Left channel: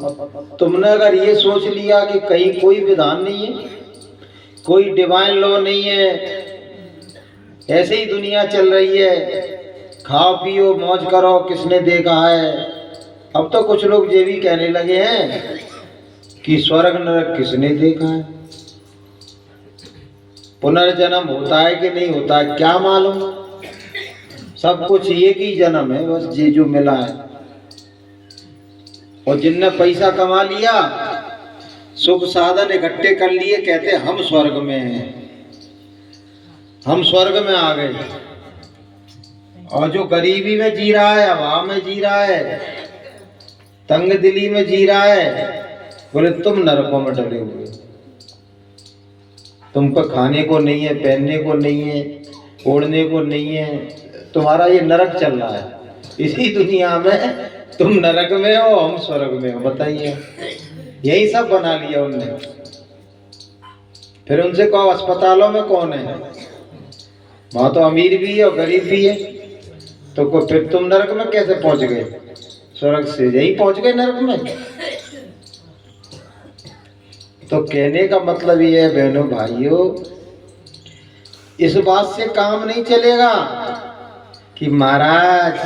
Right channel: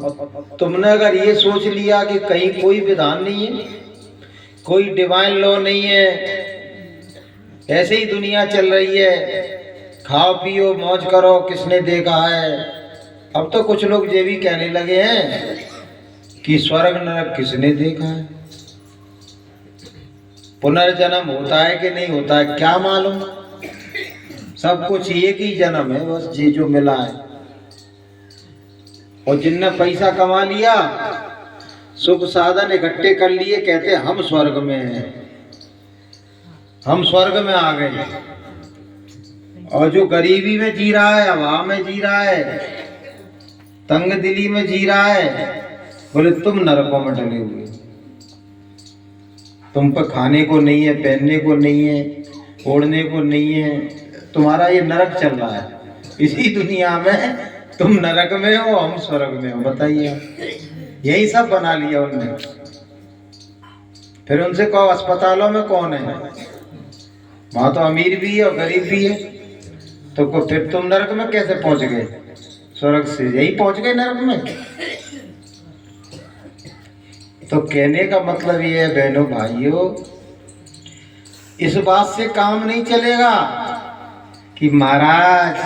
अब तुमने अगर ये सोच लिया कि कहीं कोई विधान नहीं है, कोई डिवाइन लॉ नहीं है, ऐसे ही दुनिया चल रही है, खाओ पियो मौज करो, किसने देखा है। अब तो कुछ लोग ये भी कहने लगे हैं कि स्वर्ग नरक किसने देखा है, पुनर्जन्म होता है कि नहीं होता है क्या मालूम। सब कुछ एक ही जन्म है बस, ये जो मिला है। और जिनने पैसा कमा लिया, सुख साधन इकट्ठे कर लिए, कहते हम स्वर्ग में हैं, हम स्वर्ग में आ गए। और जो गरीबी में जी रहा है, हवा में जी रहा है, तंग दिली में जी रहा है, बोले तुम नरकों में डले हुए, तुम पर खाने को नहीं है, पहनने को नहीं है, ओढ़ने को नहीं है, तुम्हारा ये नरक चल रहा है। इसी दुनिया में तुम नरक में हो, हम स्वर्ग में हो। बताइए, यही सब बना लिया उनने। फिर उनसे कहो अस्पतालों में कौन है, वहां तो अमीर भी है और गरीब भी है, तो फिर तुम नरक में कैसे पहुंच गए? स्वर्ग से यही पहुंच गए नरक में। तो कहने का मतलब ये है बहनों भाइयों, इस बात से काम नहीं चलेगा कि महाराज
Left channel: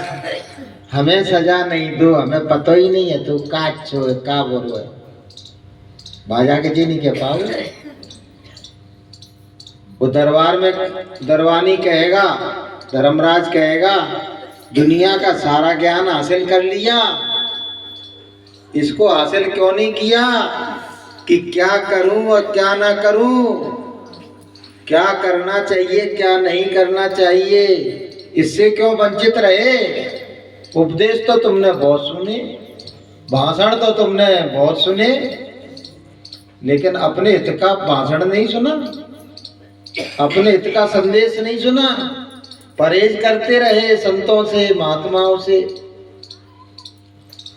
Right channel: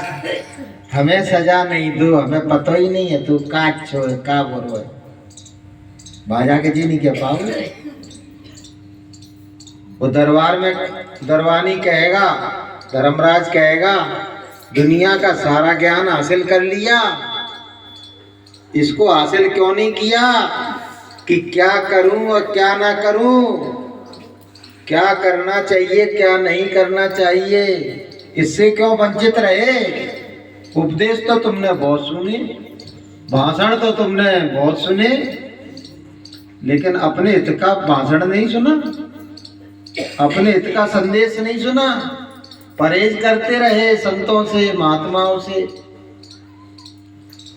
हमें सजा नहीं दो, हमें पता ही नहीं है, तू काट छो का बोलो है, बाजा के जी नहीं कह पाओगे। वो दरबार में दरबानी कहेगा, धर्मराज कहेगा, दुनिया का सारा ज्ञान हासिल कर लिया, इसको हासिल क्यों नहीं किया कि क्या करूं और क्या ना करूं, क्या करना चाहिए क्या नहीं करना चाहिए, इससे क्यों वंचित रहे। उपदेश तो तुमने बहुत सुने, भाषण तो तुमने बहुत सुने, लेकिन अपने हित का भाषण नहीं सुना, अपने हित का संदेश नहीं सुना। परहेज करते रहे संतों से, महात्माओं से,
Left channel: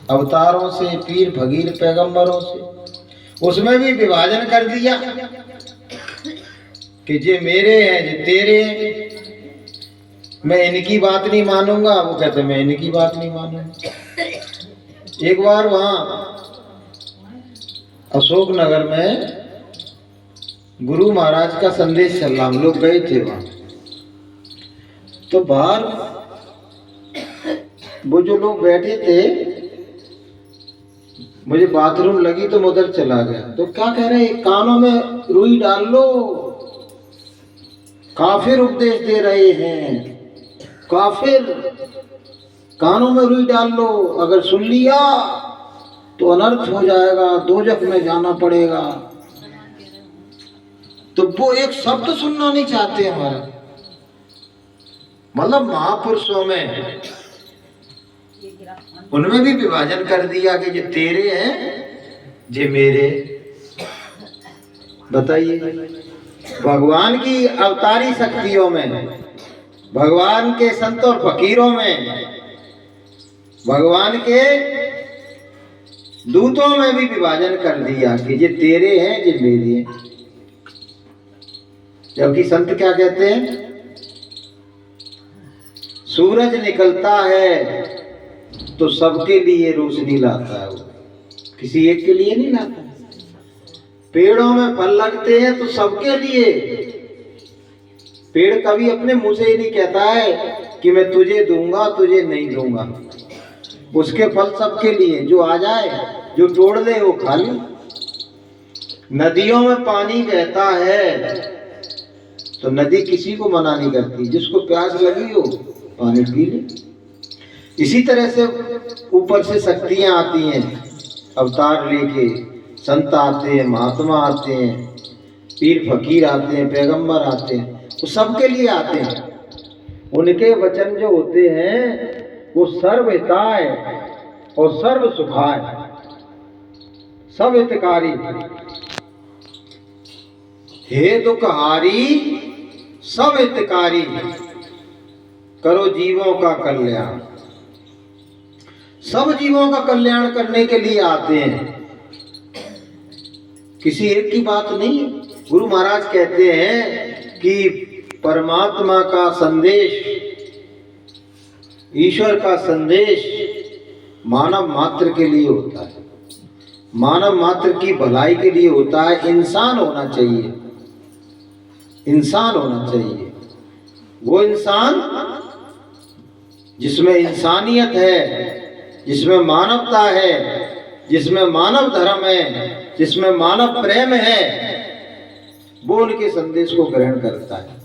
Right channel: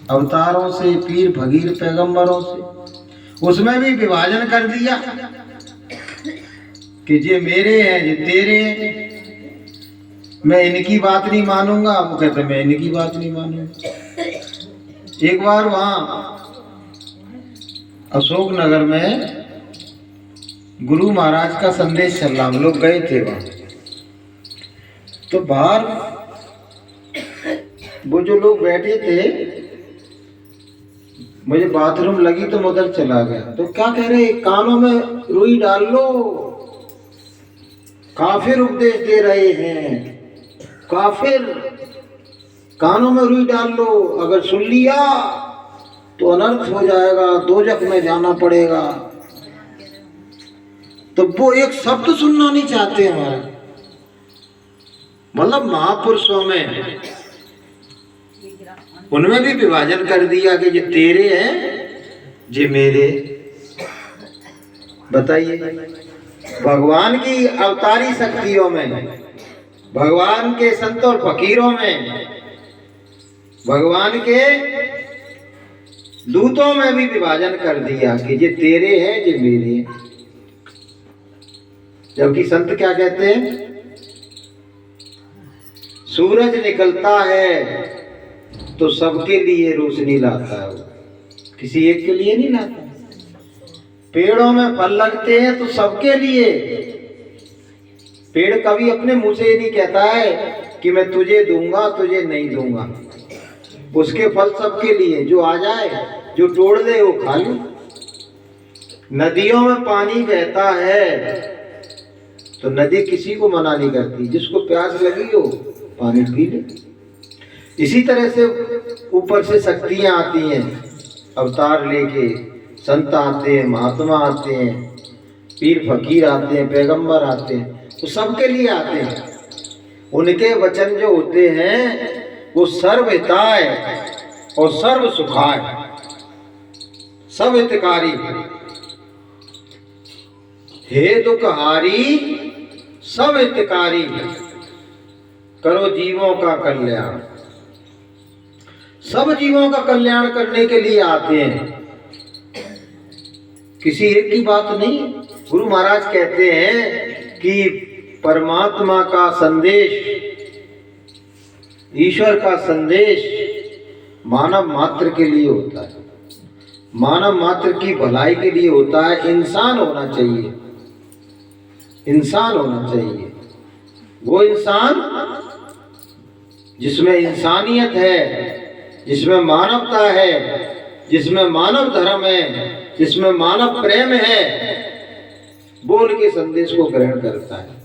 अवतारों से, पीर फकीर पैगंबरों से। उसमें भी विभाजन कर दिया कि ये मेरे हैं, ये तेरे हैं, मैं इनकी बात नहीं मानूंगा, वो कहते मैं इनकी बात नहीं मानूंगा। एक बार वहां अशोक नगर में गुरु महाराज का संदेश चल रहा, हम लोग गए थे वहां, तो बाहर वो जो लोग बैठे थे, मुझे बाथरूम लगी तो मैं उधर चला गया। तो क्या कह रहे हैं, कानों में रुई डाल लो, काफिर उपदेश दे रहे हैं, काफिर, कानों में रुई डाल लो, अगर सुन लिया तो अनर्थ हो जाएगा, दोजख में जाना पड़ेगा। तो वो एक शब्द सुनना नहीं चाहते हमारा, मतलब महापुरुषों में उनमें भी विभाजन कर दिया कि ये तेरे हैं ये मेरे। बताइए, भगवान की अवतारी शक्तियों में, भगवान के संत और फकीरों में, भगवान के दूतों में भी विभाजन कर दिया कि ये तेरे हैं ये मेरे हैं। जबकि संत क्या कहते हैं, सूरज निकलता है तो सबके लिए रोशनी लाता है, वो किसी एक के लिए नहीं लाता। पेड़ों में फल लगते हैं तो सबके लिए, पेड़ कभी अपने मुंह से नहीं कहता है कि मैं तुझे दूंगा तुझे नहीं दूंगा, उसके फल सबके लिए, जो आ जाए, जो तोड़ दे वो खा ले। नदियों में पानी बहता है तो नदी किसी को मना नहीं करती, जिसको प्यास लगी हो पानी पी ले। इसी तरह से ऊपर से शक्तियां आती हैं, अवतार लेके संत आते हैं, महात्मा आते हैं, पीर फकीर आते हैं, पैगंबर आते हैं, वो सबके लिए आते हैं। उनके वचन जो होते हैं वो सर्व हिताय और सर्व सुखाय, सब हितकारी, हे दुखहारी सब हितकारी, करो जीवों का कल्याण। सब जीवों का कल्याण करने के लिए आते हैं, किसी एक की बात नहीं। गुरु महाराज कहते हैं कि परमात्मा का संदेश, ईश्वर का संदेश मानव मात्र के लिए होता है, मानव मात्र की भलाई के लिए होता है। इंसान होना चाहिए, इंसान होना चाहिए, वो इंसान जिसमें इंसानियत है, जिसमें मानवता है, जिसमें मानव धर्म है, जिसमें मानव प्रेम है, वो उनके संदेश को ग्रहण करता है।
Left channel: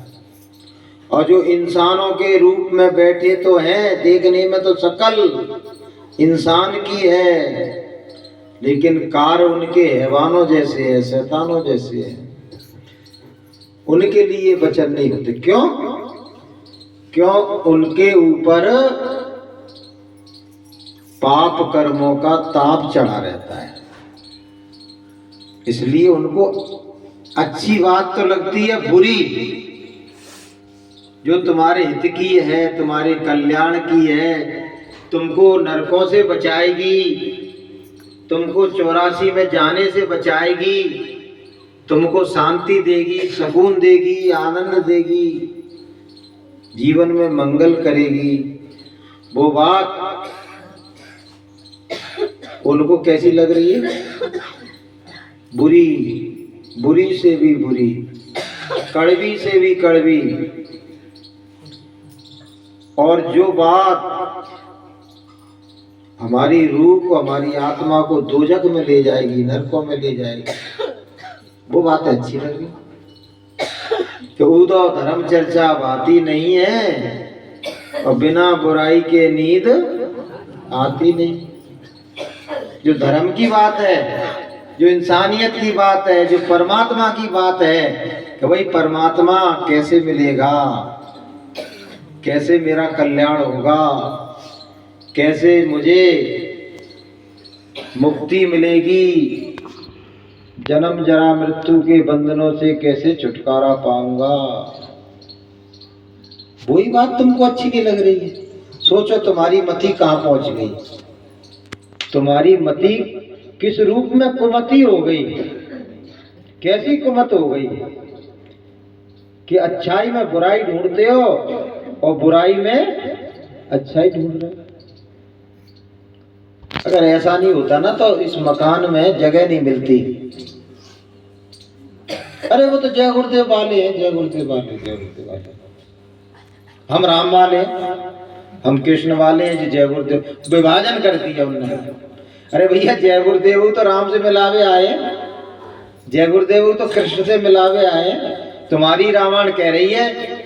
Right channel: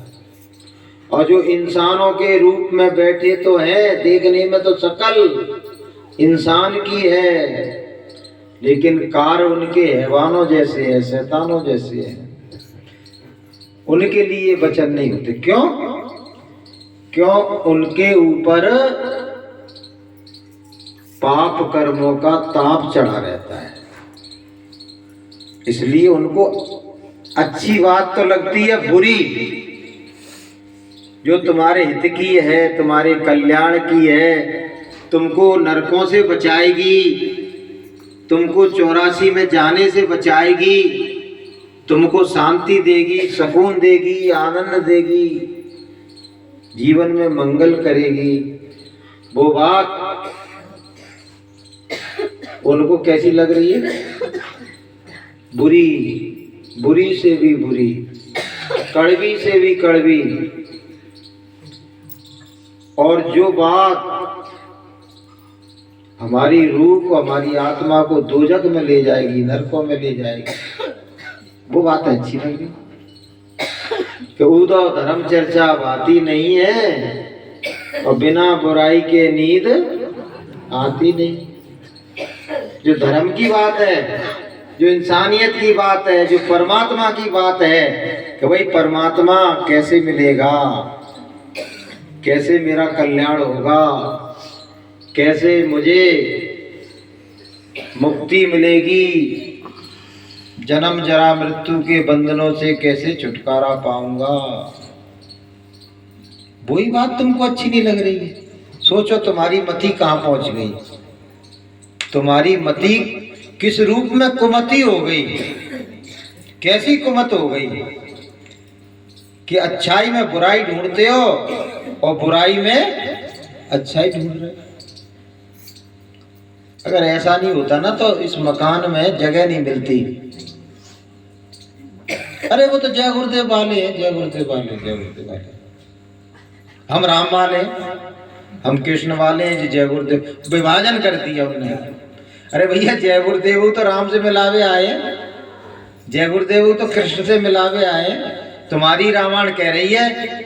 और जो इंसानों के रूप में बैठे तो हैं, देखने में तो शक्ल इंसान की है, लेकिन कार्य उनके हैवानों जैसे है, शैतानों जैसे है। उनके लिए वचन नहीं होते। क्यों? क्यों? उनके ऊपर पाप कर्मों का ताप चढ़ा रहता है, इसलिए उनको अच्छी बात तो लगती है, बुरी जो तुम्हारे हित की है, तुम्हारे कल्याण की है, तुमको नरकों से बचाएगी, तुमको 84 में जाने से बचाएगी, तुमको शांति देगी, सुकून देगी, आनंद देगी, जीवन में मंगल करेगी, वो बात उनको कैसी लग रही है? बुरी, बुरी से भी बुरी, कड़वी से भी कड़वी। और जो बात हमारी रूह को, हमारी आत्मा को दोजख में ले जाएगी, नरकों में ले जाएगी, वो बात अच्छी लगी। कि उदो धर्म चर्चा बाती नहीं है और बिना बुराई के नींद आती नहीं। जो धर्म की बात है, जो इंसानियत की बात है, जो परमात्मा की बात है कि भाई परमात्मा कैसे मिलेगा, कैसे मेरा कल्याण होगा, कैसे मुझे मुक्ति मिलेगी, जन्म जरा मृत्यु के बंधनों से कैसे छुटकारा पाऊंगा, वही बात तुमको अच्छी नहीं लग रही है। सोचो तुम्हारी मति कहाँ पहुंच गई, तुम्हारी मति किस रूप में कुमति हो गई, कैसी कुमत हो गई कि अच्छाई में बुराई ढूंढते हो और बुराई में अच्छाई ढूंढ रहे हो। अगर ऐसा नहीं होता ना तो इस मकान में जगह नहीं मिलती। अरे वो तो जय गुरुदेव वाले हैं, जय गुरुदेव वाले, जय गुरुदेव वाले, हम राम वाले, हम कृष्ण वाले हैं जी, जय गुरुदेव। विभाजन कर दिया उन्होंने। अरे भैया जय गुरुदेव तो राम से मिलावे आए, जय गुरुदेव तो कृष्ण से मिलावे आए। तुम्हारी रामायण कह रही है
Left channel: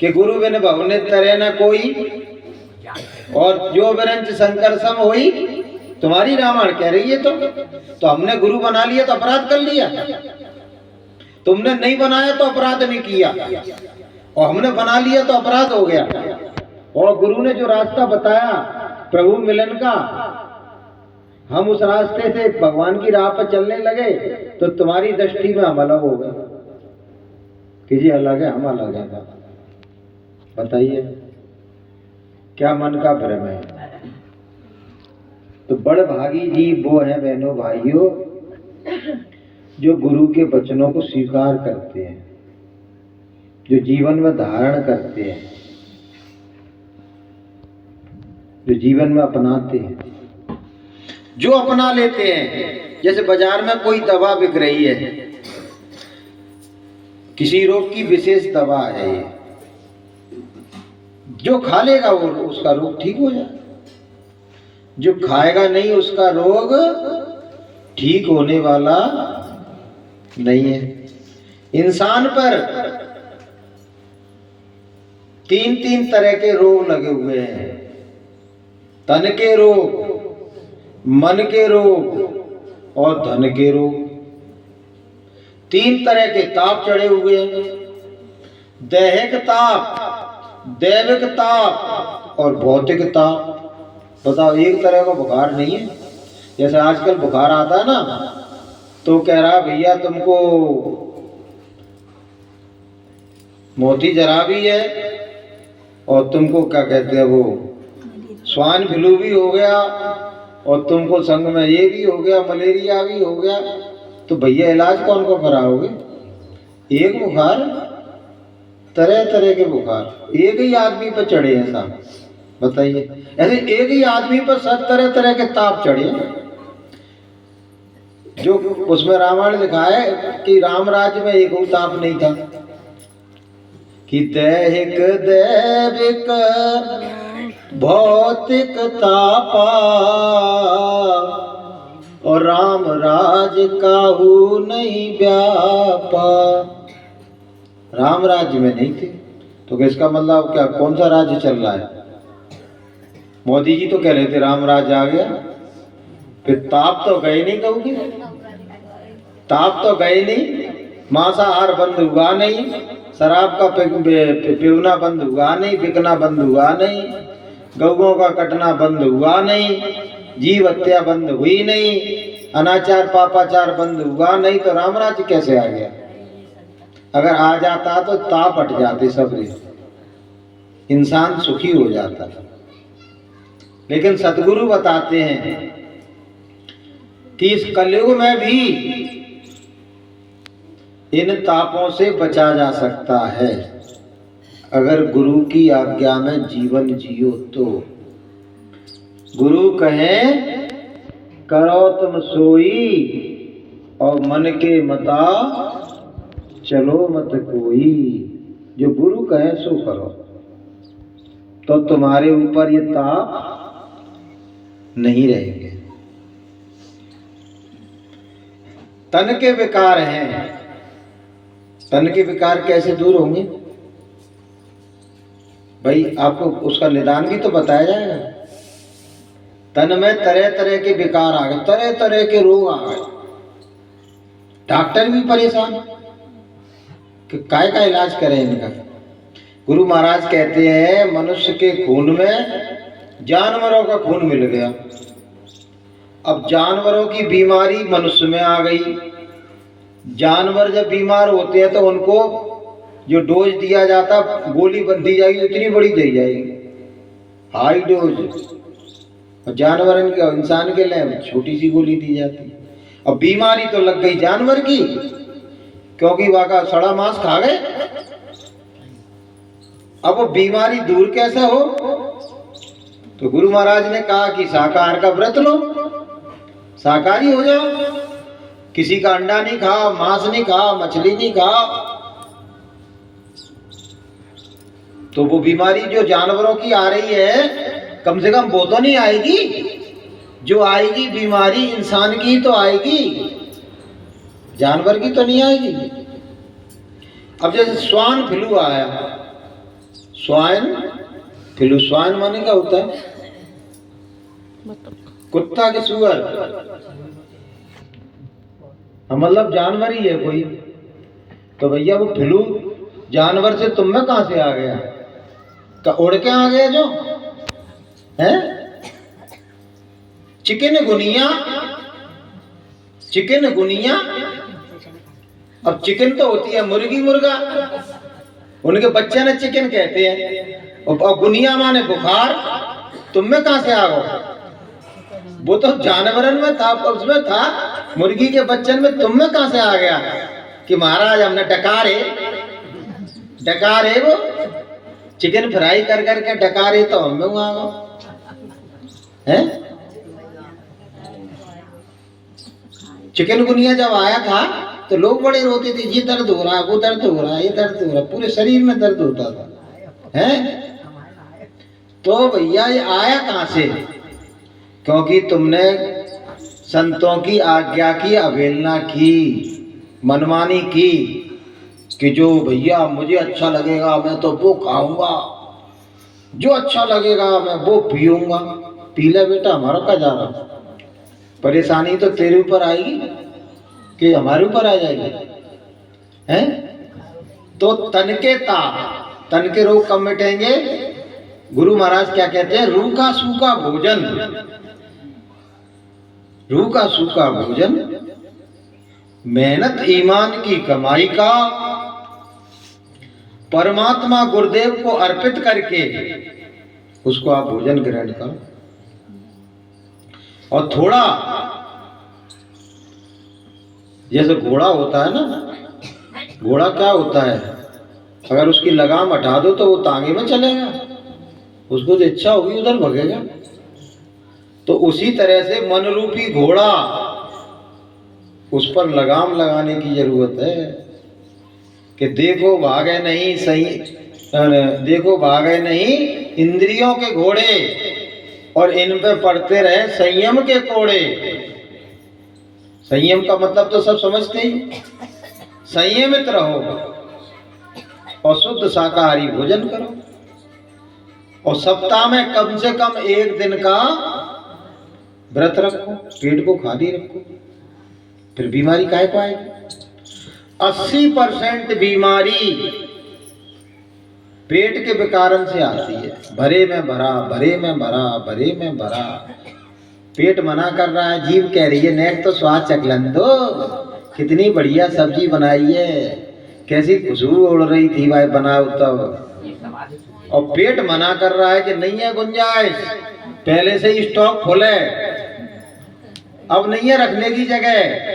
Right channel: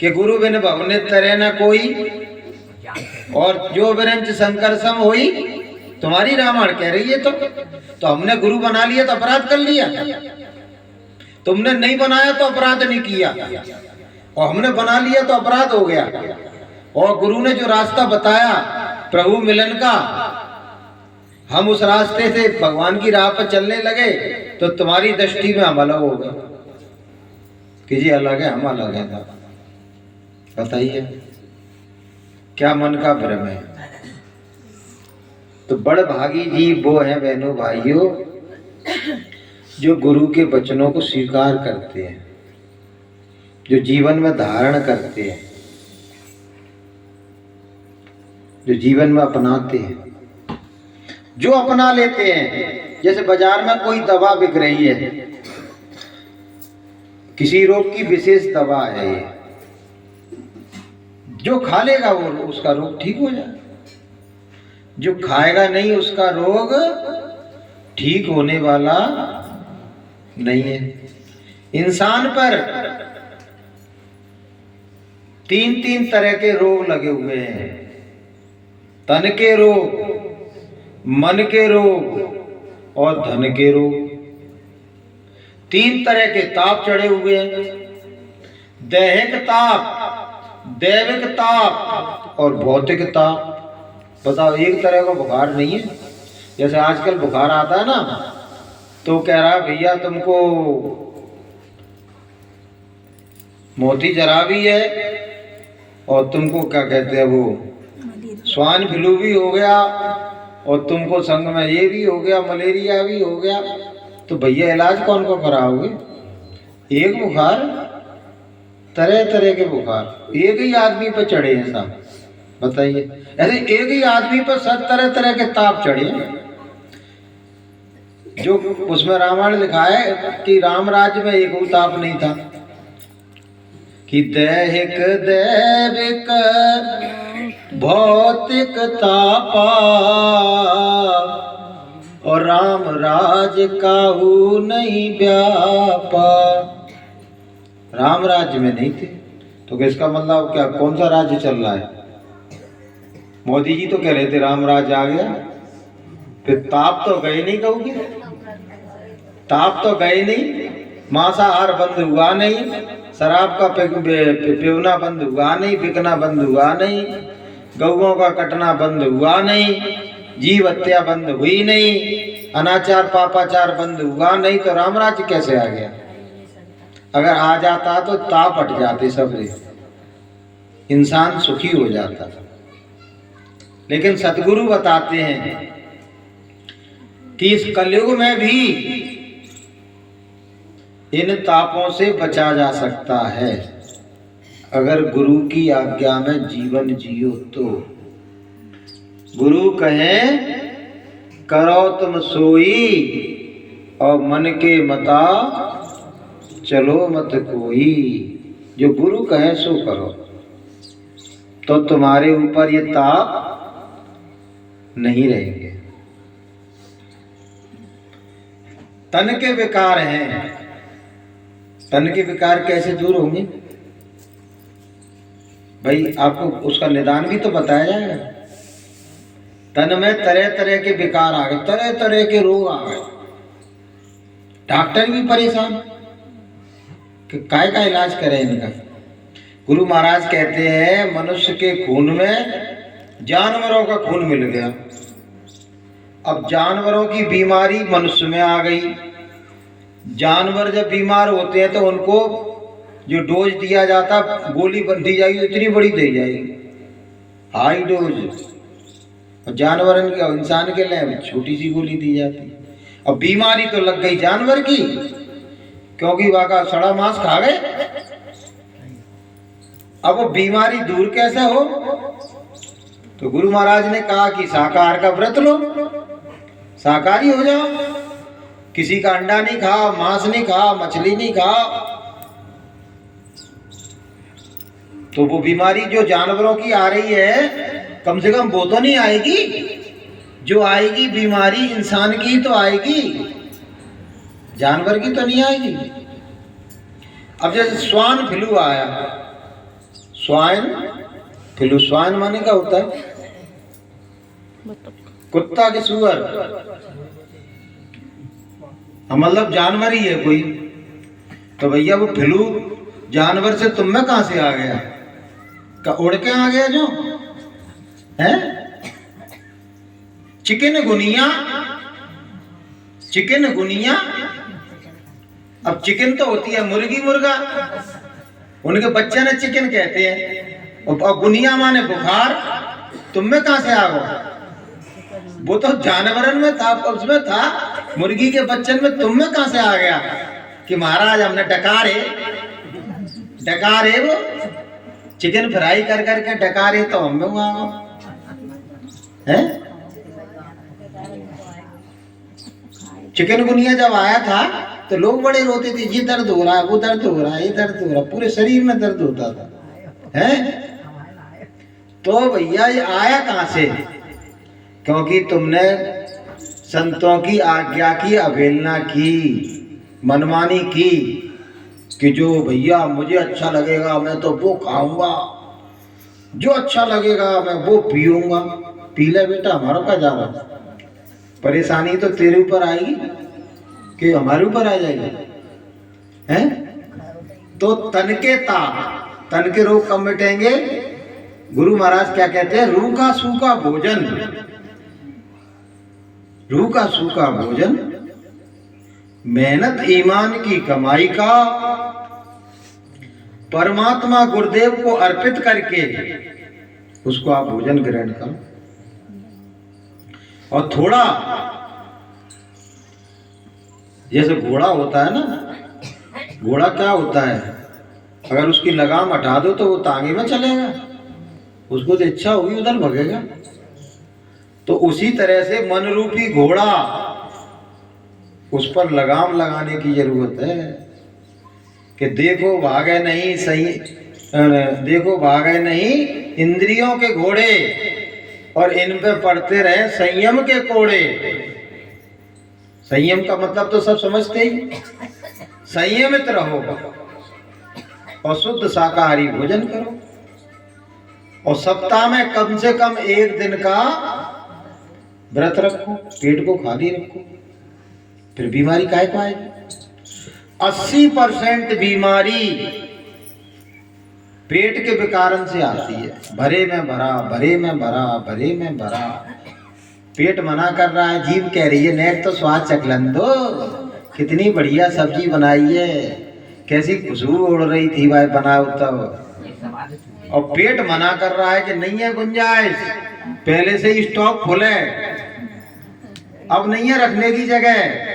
कि गुरु बिन भवने तरे न कोई और जो विरंच शंकर सम होई, तुम्हारी रामायण कह रही है। तो हमने गुरु बना लिया तो अपराध कर लिया, तुमने नहीं बनाया तो अपराध नहीं किया, और हमने बना लिया तो अपराध हो गया। और गुरु ने जो रास्ता बताया प्रभु मिलन का, हम उस रास्ते से भगवान की राह पर चलने लगे तो तुम्हारी दृष्टि में हम अलग हो गए कि जी अलग है, हम अलग है। बताइए क्या मन का भ्रम है। तो बड़ भागी जी वो है बहनों भाइयों जो गुरु के वचनों को स्वीकार करते हैं, जो जीवन में धारण करते हैं, जो जीवन में अपनाते हैं, जो अपना लेते हैं। जैसे बाजार में कोई दवा बिक रही है, किसी रोग की विशेष दवा है, ये जो खा लेगा वो उसका रोग ठीक हो जाए, जो खाएगा नहीं उसका रोग ठीक होने वाला नहीं है। इंसान पर 3 तरह के रोग लगे हुए हैं, तन के रोग, मन के रोग और धन के रोग। 3 तरह के ताप चढ़े हुए हैं, दैहिक ताप, दैविक ताप और भौतिक ताप। बताओ एक तरह का बुखार नहीं है। जैसे आजकल बुखार आता है ना तो कह रहा भैया तुमको मोती जरा भी है और तुमको क्या कहते हैं वो स्वाइन फ्लू भी हो गया और तुमको संग में ये भी हो गया, मलेरिया भी हो गया। तो भैया इलाज कौन को कराओगे? एक बुखार, तरह तरह के बुखार एक ही आदमी पर चढ़े हैं साहब। बताइए ऐसे एक ही आदमी पर 7 तरह के ताप चढ़े। जो उसमें रामायण लिखा है कि राम राज्य में एक ताप नहीं था कि दैहिक दैविक भौतिक तापा और राम राज काहू नहीं व्यापा। राम राज्य में नहीं थे तो इसका मतलब क्या कौन सा राज्य चल रहा है? मोदी जी तो कह रहे थे राम राज्य आ गया, फिर ताप तो गए नहीं, कहूँगी ताप तो गए नहीं, मांसाहार बंद हुआ नहीं, शराब का पीना बंद हुआ नहीं, बिकना बंद हुआ नहीं, गौओं का कटना बंद हुआ नहीं, जीव हत्या बंद हुई नहीं, अनाचार पापाचार बंद हुआ नहीं, तो राम राज्य कैसे आ गया? अगर आ जाता तो ताप हट जाते सब, इंसान सुखी हो जाता। लेकिन सतगुरु बताते हैं कि इस कलयुग में भी इन तापों से बचा जा सकता है अगर गुरु की आज्ञा में जीवन जियो तो। गुरु कहें करो तुम सोई और मन के मता चलो मत कोई। जो गुरु कहे सो करो तो तुम्हारे ऊपर ये ताप नहीं रहेंगे। तन के विकार हैं, तन के विकार कैसे दूर होंगे भाई? आपको उसका निदान भी तो बताया जाएगा। तन में तरह तरह के विकार आ गए, तरह तरह के रोग आ गए, डॉक्टर भी परेशान कि काय का इलाज करें इनका। गुरु महाराज कहते हैं मनुष्य के खून में जानवरों का खून मिल गया, अब जानवरों की बीमारी मनुष्य में आ गई। जानवर जब बीमार होते हैं तो उनको जो डोज दिया जाता, गोली दी जाएगी इतनी बड़ी दी जाएगी, हाई डोज, और जानवर इंसान के लिए छोटी सी गोली दी जाती। अब बीमारी तो लग गई जानवर की, क्योंकि वहां सड़ा मांस खा गए। अब वो बीमारी दूर कैसे हो? तो गुरु महाराज ने कहा कि शाकाहार का व्रत लो, शाकाहारी हो जाओ, किसी का अंडा नहीं खाओ, मांस नहीं खाओ, मछली नहीं खाओ, तो वो बीमारी जो जानवरों की आ रही है कम से कम वो तो नहीं आएगी। जो आएगी बीमारी इंसान की तो आएगी, जानवर की तो नहीं आएगी। अब जैसे स्वाइन फ्लू आया, स्वाइन फ्लू, स्वाइन माने क्या होता है? कुत्ता के सुअर, मतलब जानवर ही है कोई। तो भैया वो फ्लू जानवर से तुम में कहां से आ गया? का उड़ के आ गया जो है? Chikungunya, chikungunya. अब चिकन तो होती है मुर्गी मुर्गा, उनके बच्चे ने चिकन कहते हैं, और गुनिया माने बुखार। तुम में कहां से आ गया? वो तो जानवरन में था, उसमें था, मुर्गी के बच्चन में तुम में कहां से आ गया कि महाराज हमने डकारे वो चिकन फ्राई कर करके डकारे तो हम में आ गए हैं। चिकन गुनिया जब आया था तो लोग बड़े रोते थे, ये दर्द हो रहा, वो दर्द हो रहा, ये दर्द हो रहा, पूरे शरीर में दर्द होता था हैं। तो भैया ये आया कहां से? क्योंकि तुमने संतों की आज्ञा की अवहेलना की, मनमानी की कि जो भैया मुझे अच्छा लगेगा मैं तो वो खाऊंगा, जो अच्छा लगेगा मैं वो पीऊंगा। पी ले बेटा, हमारा क्या जा रहा? परेशानी तो तेरे ऊपर आएगी कि हमारे ऊपर आ जाएगी हैं? तो तन के ताप, तन के रोग कब मिटेंगे? गुरु महाराज क्या कहते हैं? रूखा सूखा भोजन, रूखा सूखा भोजन, मेहनत ईमान की कमाई का, परमात्मा गुरुदेव को अर्पित करके उसको आप भोजन ग्रहण करो। और थोड़ा जैसे घोड़ा होता है ना, घोड़ा क्या होता है? अगर उसकी लगाम हटा दो तो वो तांगे में चलेगा, उसको तो इच्छा होगी उधर भगेगा। तो उसी तरह से मन रूपी घोड़ा उस पर लगाम लगाने की जरूरत है कि देखो भागे नहीं सही, देखो भागे नहीं इंद्रियों के घोड़े और इन पे पड़ते रहे संयम के कोड़े। संयम का मतलब तो सब समझते ही, संयमित रहो और शुद्ध शाकाहारी भोजन करो और सप्ताह में कम से कम एक दिन का व्रत रखो, पेट को खाली रखो, फिर बीमारी काहे को आएगी। 80% बीमारी पेट के विकारण से आती है। भरे में भरा, भरे में भरा, भरे में भरा। पेट मना कर रहा है, जीभ कह रही है नेट तो स्वाद चखलन दो, कितनी बढ़िया सब्जी बनाई है, कैसी खुशबू उड़ रही थी भाई बनाओ तब। और पेट मना कर रहा है कि नहीं है गुंजाइश, पहले से ही स्टॉक फुल है, अब नहीं है रखने की जगह।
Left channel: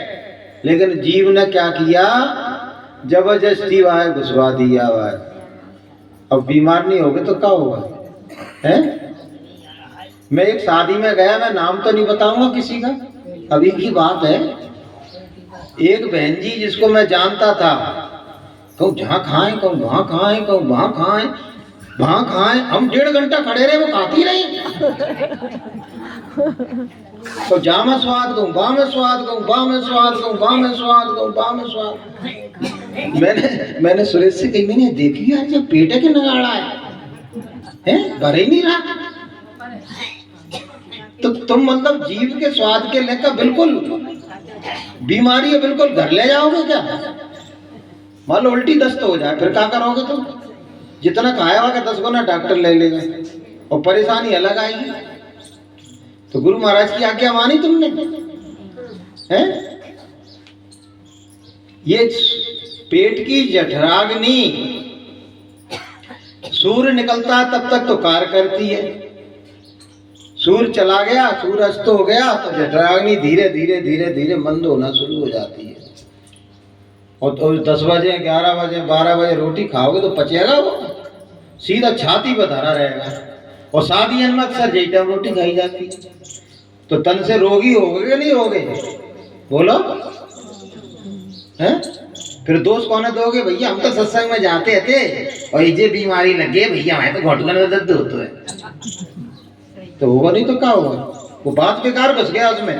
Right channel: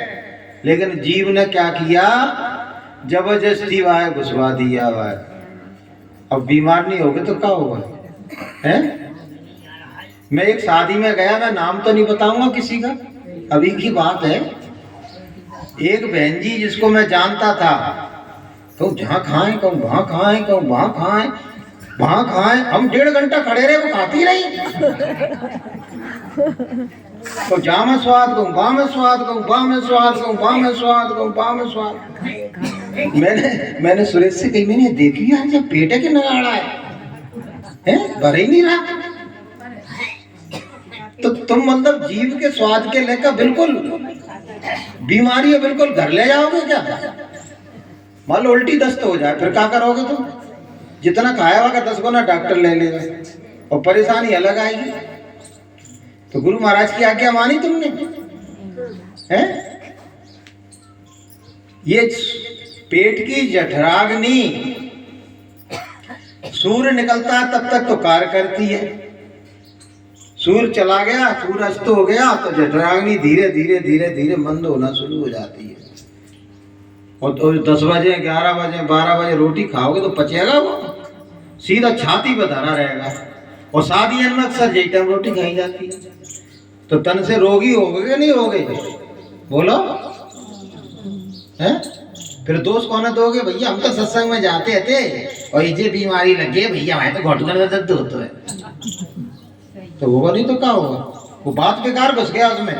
लेकिन जीव ने क्या किया, जबरदस्ती भाई घुसवा दिया भाई। अब बीमार नहीं होगे तो क्या होगा है? मैं एक शादी में गया, मैं नाम तो नहीं बताऊंगा किसी का, अभी की बात है। एक बहन जी जिसको मैं जानता था, कहूँ जहाँ खाएं, कहूँ वहाँ खाएं, कहूँ वहाँ खाएं, वहाँ खाएं, हम 1.5 घंटा खड़े रहे, वो खाती रही। तो जा में स्वाद कहूँ, बा में स्वाद कहूँ, बा में स्वाद कहूँ, बा में स्वाद कहूँ, बा में स्वाद। मैंने सुरेश से कही, मैंने देखी यार जब पेटे के नगाड़ा है भर ही नहीं रहा। तो तुम मतलब जीव के स्वाद के लेकर बिल्कुल बीमारी है, बिल्कुल घर ले जाओगे क्या? मान लो उल्टी दस्त हो जाए, फिर क्या करोगे तुम? जितना खाया होगा 10 गुना डॉक्टर ले लेगा और परेशानी अलग आएगी। तो गुरु महाराज की आज्ञा मानी तुमने है? ये पेट की जठराग्नि सूर्य निकलता है तब तक तो कार्य करती है, सूर्य चला गया, सूर्य अस्त हो गया तो जठराग्नि धीरे धीरे धीरे धीरे मंद होना शुरू हो जाती है। और तो 10 बजे 11 बजे 12 बजे रोटी खाओगे तो पचेगा वो, सीधा छाती पर धरा रहेगा। और शादियों में अक्सर यही टाइम रोटी खाई जाती है। तो तन से रोगी हो गए नहीं हो गए बोलो हैं? फिर दोष कौन दोगे? भैया हम तो सत्संग में जाते थे और ये बीमारी लगे भैया, हमारे तो घुटने में दर्द होता है। तो होगा नहीं तो क्या होगा? वो बात बेकार घुस गया उसमें,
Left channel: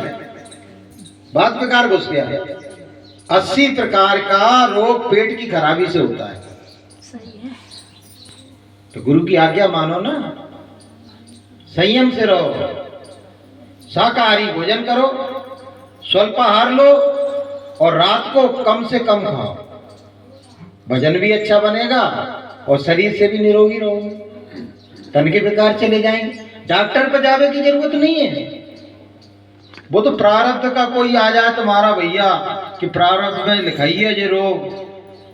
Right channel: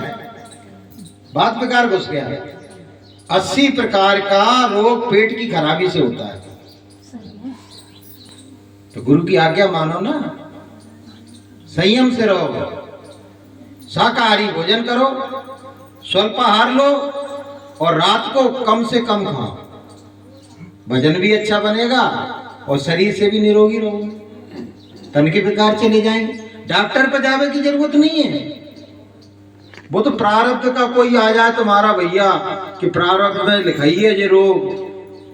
बात बेकार घुस गया। 80 प्रकार का रोग पेट की खराबी से होता है। तो गुरु की आज्ञा मानो ना, संयम से रहो, शाकाहारी भोजन करो, स्वल्पाहार लो और रात को कम से कम खाओ। वजन भी अच्छा बनेगा और शरीर से भी निरोगी रहोगे, तन के विकार चले जाएंगे। डॉक्टर पे जाने की जरूरत नहीं है। वो तो प्रारब्ध का कोई आ जाए तुम्हारा भैया कि प्रारब्ध में लिखाई है ये रोग,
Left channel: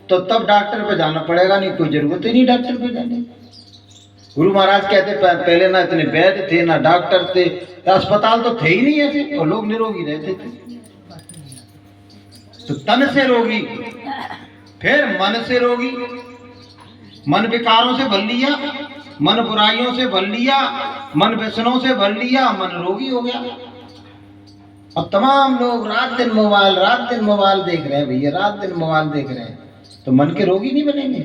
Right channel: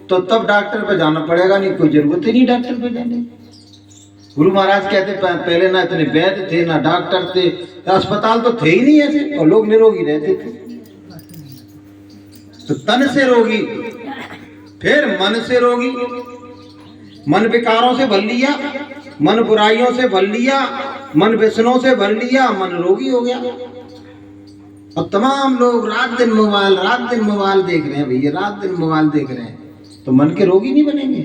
तो तब डॉक्टर पे जाना पड़ेगा, नहीं कोई जरूरत ही नहीं डॉक्टर पे जाने की। गुरु महाराज कहते पहले ना इतने वैद्य थे ना डॉक्टर थे, अस्पताल तो थे ही नहीं ऐसे, और लोग निरोगी रहते थे। तो तन से रोगी, फिर मन से रोगी, मन विकारों से भर लिया, मन बुराइयों से भर लिया, मन व्यसनों से भर लिया, मन रोगी हो गया। और तमाम लोग रात दिन मोबाइल देख रहे हैं भैया, रात दिन मोबाइल देख रहे हैं, तो मन के रोगी नहीं बनेंगे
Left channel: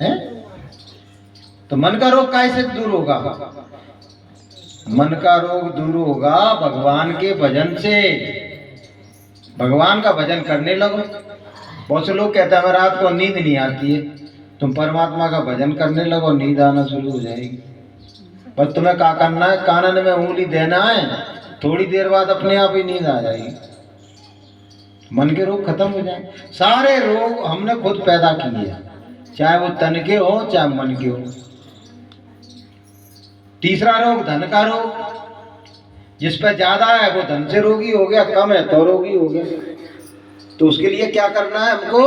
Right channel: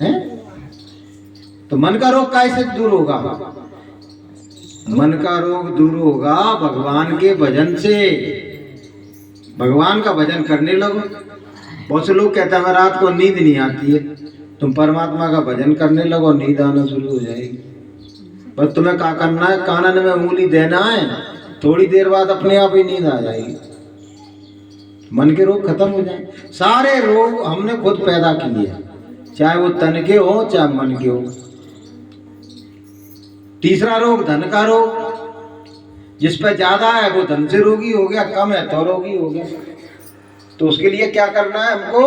हैं? तो मन का रोग कैसे दूर होगा? मन का रोग दूर होगा भगवान के भजन से। भगवान का भजन करने लगो। बहुत से लोग कहते हैं हमें रात को नींद नहीं आती है, तुम परमात्मा का भजन करने लगो, नींद आना शुरू हो जाएगी। बस तुम्हें क्या करना है, कानन में उंगली देना है, थोड़ी देर बाद अपने आप ही नींद आ जाएगी, मन के रोग खत्म हो जाएंगे। सारे रोग हमने खुद पैदा किए, चाहे वो तन के हो चाहे मन के हो। तीसरा रोग धन का रोग, जिस पे ज्यादा है वो धन से रोगी हो गया, कम है तो रोगी हो गया। तो उसके लिए क्या करना है हमको?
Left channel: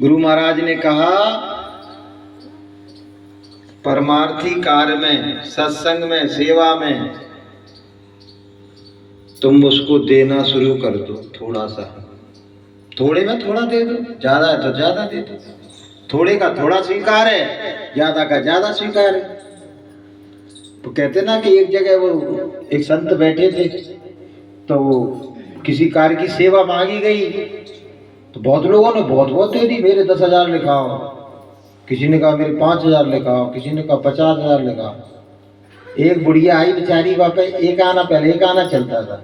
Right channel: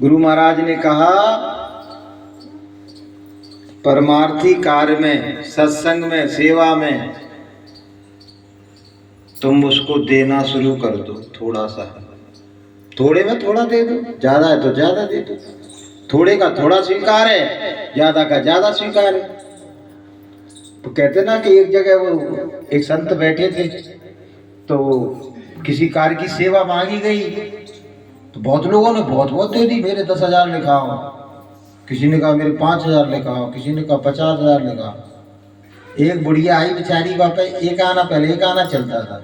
गुरु महाराज ने कहा परमार्थी कार्य में, सत्संग में, सेवा में तुम उसको देना शुरू कर दो। थोड़ा सा, थोड़े में थोड़ा दे दो, ज्यादा है तो ज्यादा दे दो। थोड़े का थोड़ा स्वीकार है, ज्यादा का ज्यादा स्वीकार है। तो कहते ना कि एक जगह वो एक संत बैठे थे, तो किसी कार्य की सेवा मांगी गई तो बहुत लोगों ने बहुत बहुत दे दी, मेरे 10,000 लिखाओ, किसी ने कहा मेरे 5,000 लिखाओ, किसी ने कहा 50,000 लिखाओ। एक बुढ़िया आई बेचारी, बापा एक आना, पहले एक आना चलता था,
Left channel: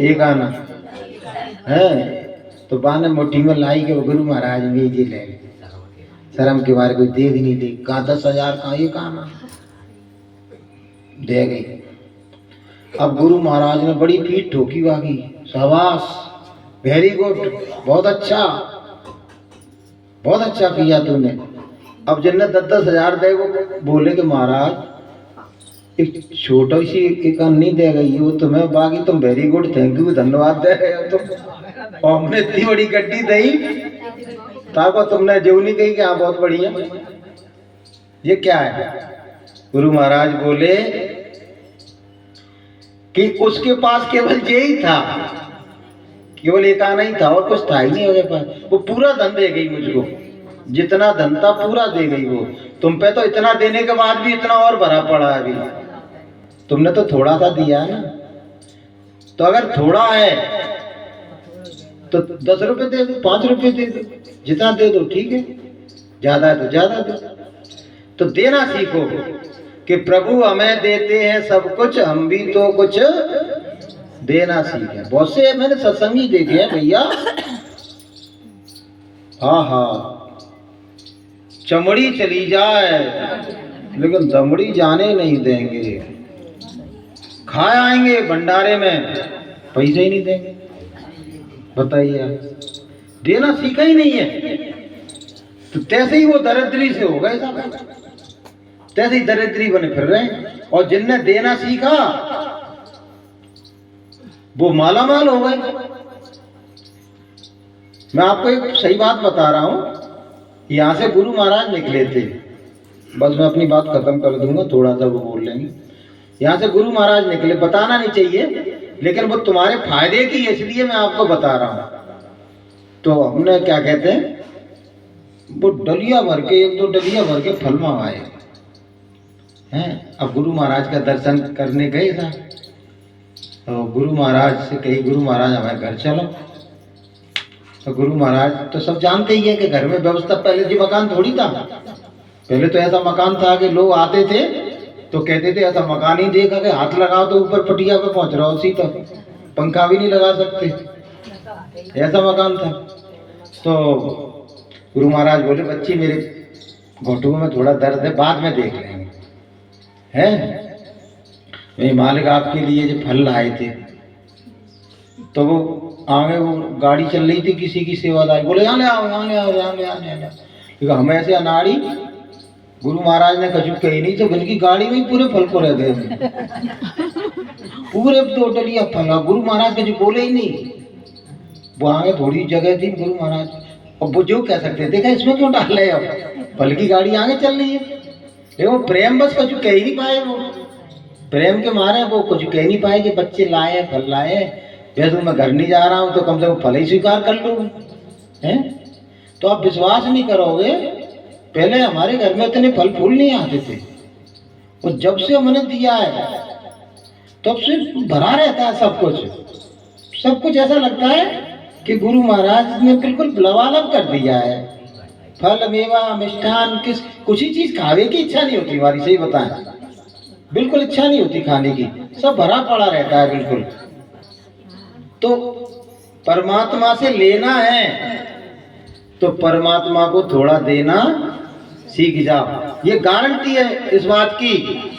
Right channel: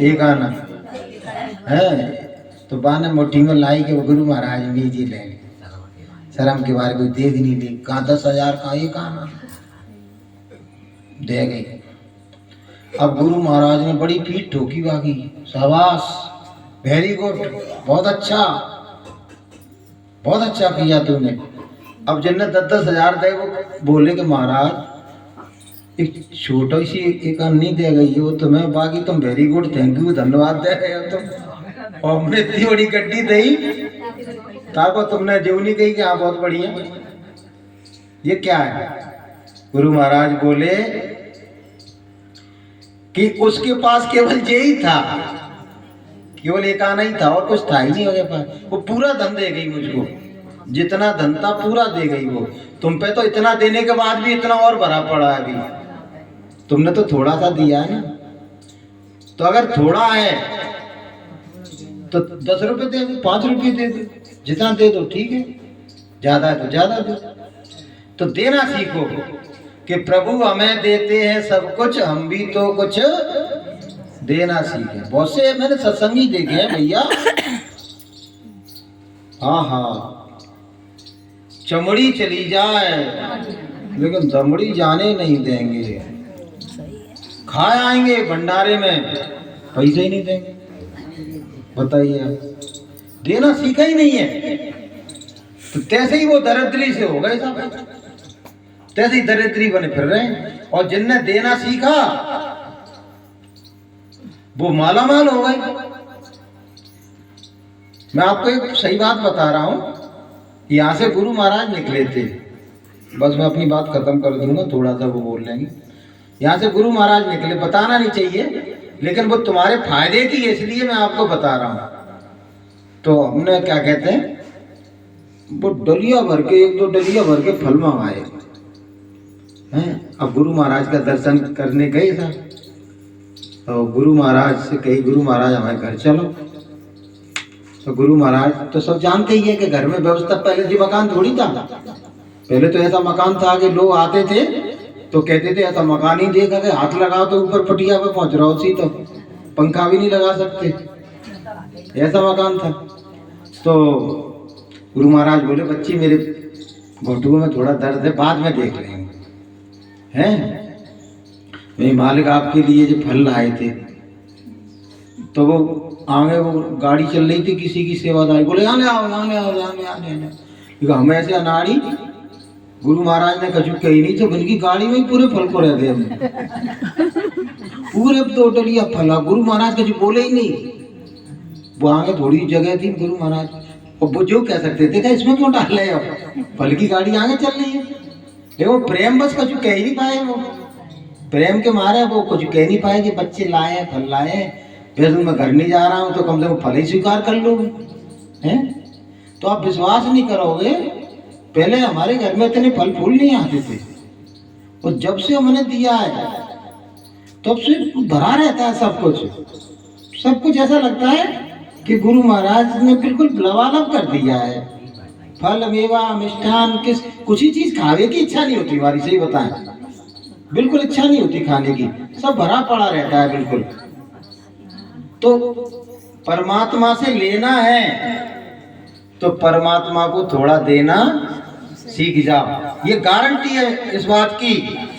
एक आना है, तो बाने मोटी में लाई के गुरु महाराज में जी ले शर्म के बारे कोई दे भी नहीं दी, कहाँ 10,000 का एक आना दे गई। अब गुरु महाराज ने बड़ी पीठ ठोकी, बाकी शाबाश, वेरी गुड, बहुत अच्छा किया तूने। अब जिनने 10,000 दे वो बोले कि महाराज एक छोटा सी एक नहीं दे गई वो तुम्हें, बाकी तुम वेरी गुड, थैंक यू, धन्यवाद दे रहे हो तुम। हमने इतनी बड़ी गड्डी दी ताको तुमने जो नहीं कही कि हाँ बहुत बढ़िया। ये क्या है? गुरु महाराज बोले कि उसके पास केवल यही था, केवल एक आना ही था और कुछ था ही नहीं उसके पास। वो पूरा धन दे गई मुझको, जितना धन था पूरा दे गई वो। तुम पे तो इतना देने के बाद भी इतना और भरा पड़ा है अभी, तुमने तो थोड़ा सा दिया है ना। तो अगर थोड़ा है तो 10 रुपए दे दो, 5 रुपए दे दो, जितना दे दो ठीक है, ज्यादा है तो ज्यादा दो। तो देना सीखो कि प्रभु हमें देते हैं सब कुछ, हम भी तो कुछ देना सीखे। बहुत से मैंने सत्संगी देखे हैं भैया, हाँ चमड़ी चली जाए लेकिन दमड़ी जाने नहीं देंगे, खा आएंगे भंडारे में, पैसे ही नहीं देंगे। बताइए, देना सीखा ही नहीं है तो तैसे ही वो दरिद्री से हो गए सब, तैसे ही दरिद्री बने फिर रहे हैं। और जिनने देना सीखा वो मालामाल हो गए। मैं आपको एक सही बात बता रहा हूं, यहां से गुरु महाराज निकले थे, बस मैं अपनी बात खत्म कर दूंगा, थोड़ा सा वो बोल लेंगे। यहां से गुरु महाराज निकले, बताना नहीं चाहिए लेकिन वो तुम्हारे फायदे की है इसलिए मैं आपको बता रहा हूं। तो हमने क्या कहते हैं, वो डलिया भर के, 1-2 डलिया भर के फल मंगाए हैं। अब गुरु महाराज का दर्शन करने गए था तो गुरु महाराज से कही, गुरु महाराज हमारे घर चलो। तो गुरु महाराज तो सब जानते ही है कि घर में व्यवस्था, पहले जो मकान थोड़ी था, पहले तो ऐसा मकान था कि लोग आते थे तो कहते थे ऐसा मकान ही देखा कि हाथ लगाओ तो ऊपर पटिया पे पहुंच रहा हो, तो पंखा भी नहीं लगा सकते, ऐसा मकान था। तो गुरु महाराज बोले बच्ची मेरे घुटनों में थोड़ा दर्द है, बाद में देख लेंगे हैं। मेरे मालिक आपके लिए जो फल लाए थे, तो वो आगे वो गाड़ी चल रही थी, किसी की सेवादारी बोले आने आओ आने आओ आने आने आने, क्योंकि हम ऐसे अनाड़ी। गुरु महाराज ने कछु कही नहीं तो उनकी गाड़ी में ही पूरे फल पड़े थे, पूरे 2 डलिया फल। गुरु महाराज कछु बोले ही नहीं, वो आगे थोड़ी जगह थी, गुरु महाराज और वो जो कह सकते थे इसमें क्यों डाल रहे हो, फल की गाड़ी आगे चल रही है। वो प्रेम बस कछु कह ही नहीं पाए, वो प्रेम के मारे वो कुछ कह नहीं पाए कि बच्चे लाए फल लाए, वैसे मैं घर नहीं जा रहा हूँ तो कम से कम फल ही स्वीकार कर लो हैं। तो आप विश्वास नहीं करोगे, पहले हमारे घर में इतने फल फूल नहीं आते थे, और जब से हमने दिया है तब से भरा रहता है सब कुछ ऐसा लगता है कि गुरु महाराज ने बिल्कुल लबालब कर दिया है। फल मेवा मिष्ठान किस कुछ ही चीज खाने की इच्छा नहीं होती हमारी, सही बताएं, बिल्कुल इच्छा नहीं होती खाने की, सब भरा पड़ा रहता है बिल्कुल। तो परमात्मा से लेना है तो परमात्मा को थोड़ा देना सीख जाओ। ये गारंटी है इस बात की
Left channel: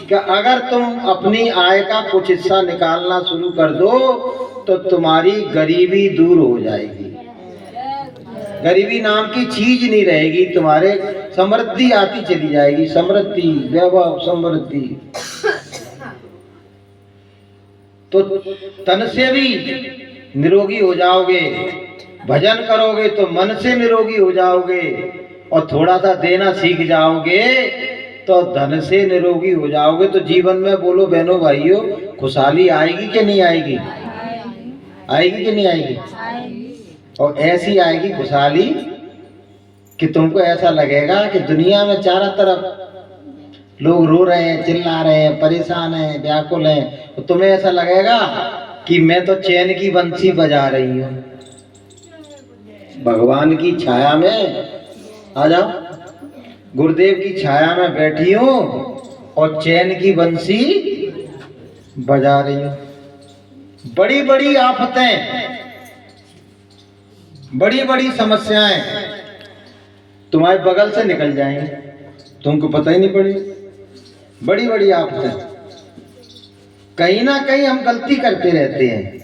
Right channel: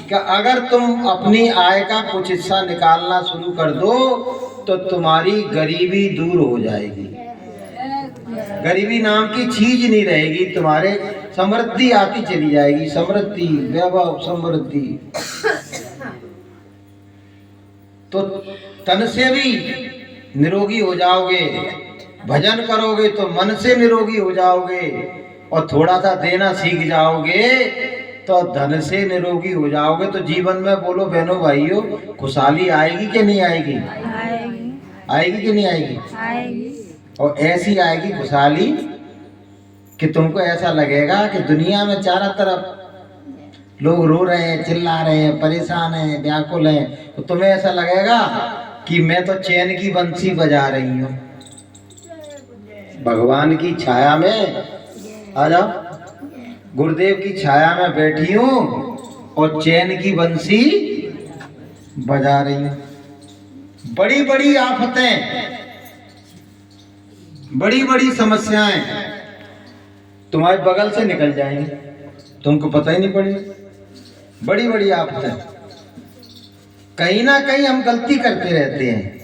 कि अगर तुम अपनी आय का कुछ हिस्सा निकालना शुरू कर दो तो तुम्हारी गरीबी दूर हो जाएगी, गरीबी नाम की चीज नहीं रहेगी, तुम्हारे समृद्धि आती चली जाएगी, समृद्धि वैभव समृद्धि। तो तन से भी निरोगी हो जाओगे, भजन करोगे तो मन से निरोगी हो जाओगे, और थोड़ा सा देना सीख जाओगे तो धन से निरोगी हो जाओगे। तो जीवन में बोलो बहनों भाइयों, खुशहाली आएगी कि नहीं आएगी? आएगी कि नहीं आएगी? और ऐसी आएगी खुशहाली कि तुमको ऐसा लगेगा कि दुनिया में चारों तरफ लोग रो रहे हैं, चिल्ला रहे हैं, परेशान हैं, व्याकुल हैं, तो तुम्हें ऐसा लगेगा कि मैं तो चैन की बंसी बजा रही हूँ। भगवान की छाया में आ जाओ, गुरुदेव की छाया में बैठी हूँ और चैन की बंसी बजा रही हूँ। बड़ी बड़ी आफतें, बड़ी बड़ी समस्याएं तुम्हारे बगल से निकल जाएंगी, तुमको पता ही नहीं पड़ेगा। बड़ी बड़ी आफतें, कहीं ना कहीं हम गलती करते रहते हैं।